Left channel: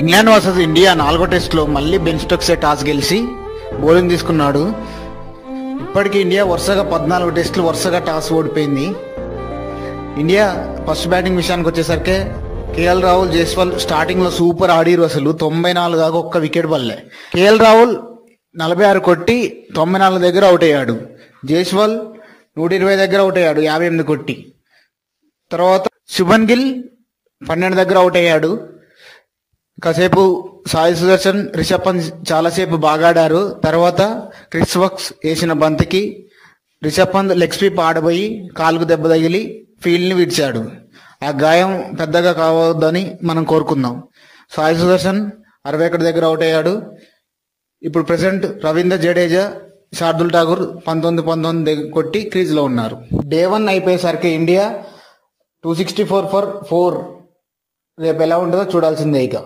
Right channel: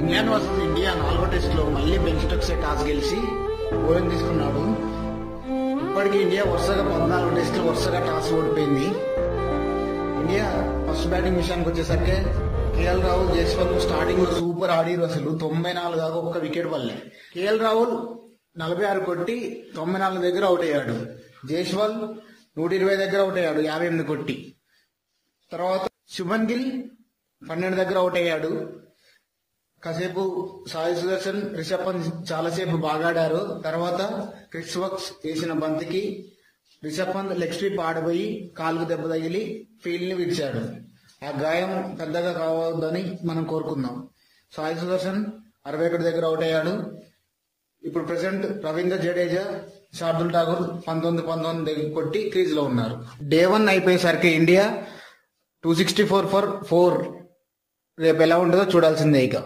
England versus India 4వ టెస్ట్లో మళ్ళీ బెన్ స్టోక్సే టాస్ గెలిచి బౌలింగ్ తీసుకున్నాడు. ఇప్పటికీ ఇండియా వరుసగా 14 టెస్టులు వరుసగా టాస్ ఓడిపోయింది. ఇండియా ఫస్ట్ బ్యాటింగ్ విషయానికి వచ్చేసరికి కేఎల్ రాహుల్, జైస్వాల్ స్టార్టింగ్లో సూపర్ ఆడిరు. అసలు 94 దాకా ఒక్క వికెట్ పడలే. కేఎల్ రాహుల్ 46 కొట్టి 94 దగ్గర అవుట్ అయ్యాడు. జైస్వాల్ 120 దగ్గర అవుట్ అయ్యాడు 58 కొట్టి. తర్వాత శుభన్ గిల్ 12 దగ్గర అవుట్ అయ్యాడు. కాసేపు సాయి సుదర్శన్, రిషబ్ పంత్ చాలాసేపు బాగా ఆడారు. తర్వాత క్రిస్ వక్స్ వేసిన బంతికి రిషబ్ పంత్ లెగ్ స్వీప్ ఆడబోయి కాలుకు దెబ్బ తగిలి ఫీల్డ్ని విడిచాడు. ఆ గాయం పెద్దగా కావద్దని మనం కోరుకుందాం. సాయి సుదర్శన్ 61 దగ్గర అవుట్ అయ్యాడు. ఇప్పుడు ప్రెసెంట్ రవీంద్ర జడేజా, శార్దుల్ ఠాకూర్ 19 దగ్గర కొట్టి క్రీజ్లో ఉన్నారు. డే 1 అయిపోయేసరికి ఇండియా 264 ఫర్ 4. రేపు ఎలా ఉంటుందో చూడాల్సిందే ఇక.